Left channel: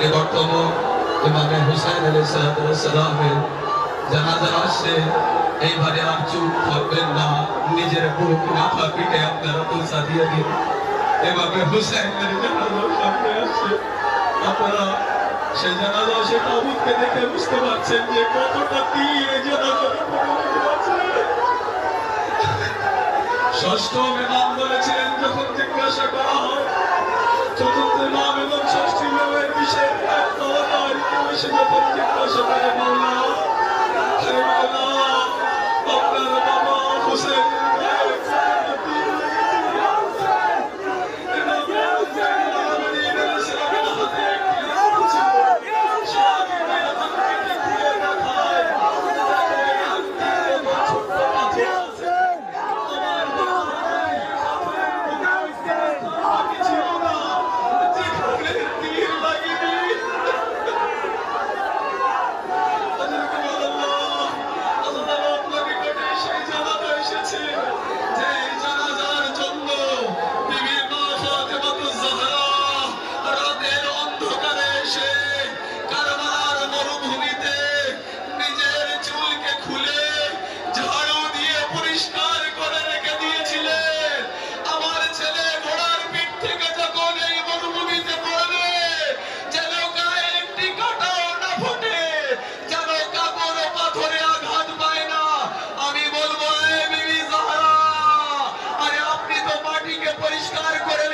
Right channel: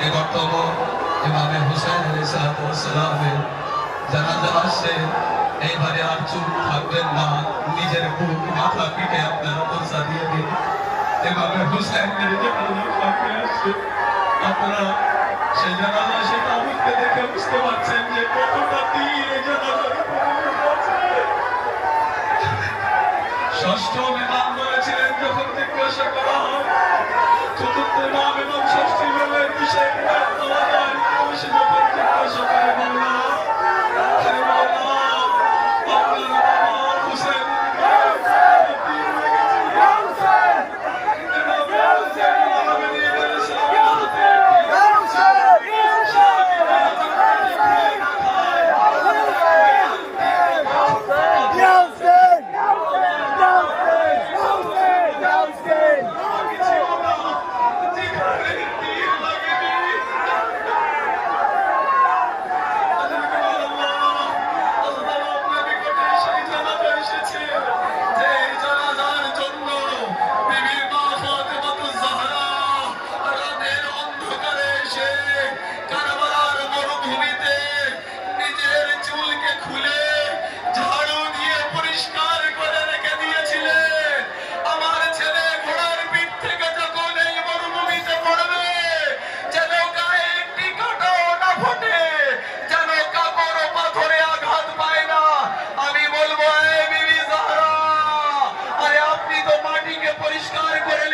নিকটতম ইমামে হুসাইন আলাইহিস সালামের জানাজা আসছে। এইবারে আর চুপ থাকবেন না, নিজের বুক মাথা পিঠে আপনারা পৌঁছা দিয়ে দিন। এভাবে হুসাইনের জানাজা সামনে আসছে, আপনারা সেই জানাজা সে তাবুতকে দেখে বুঝতে পারছেন যে কতটা তীর এই জানাজার আছে। ষষ্ঠ ইমাম বলেছিলেন, যখন জিজ্ঞাসা করা হয় চতুর্থ ইমাম এবং ষষ্ঠ ইমামের বিষয়ে পাওয়া যায়, সে যখন জিজ্ঞাসা করে মাওলা, হে মাওলা, আপনার বাবা হুসেন পরিষ্কার করে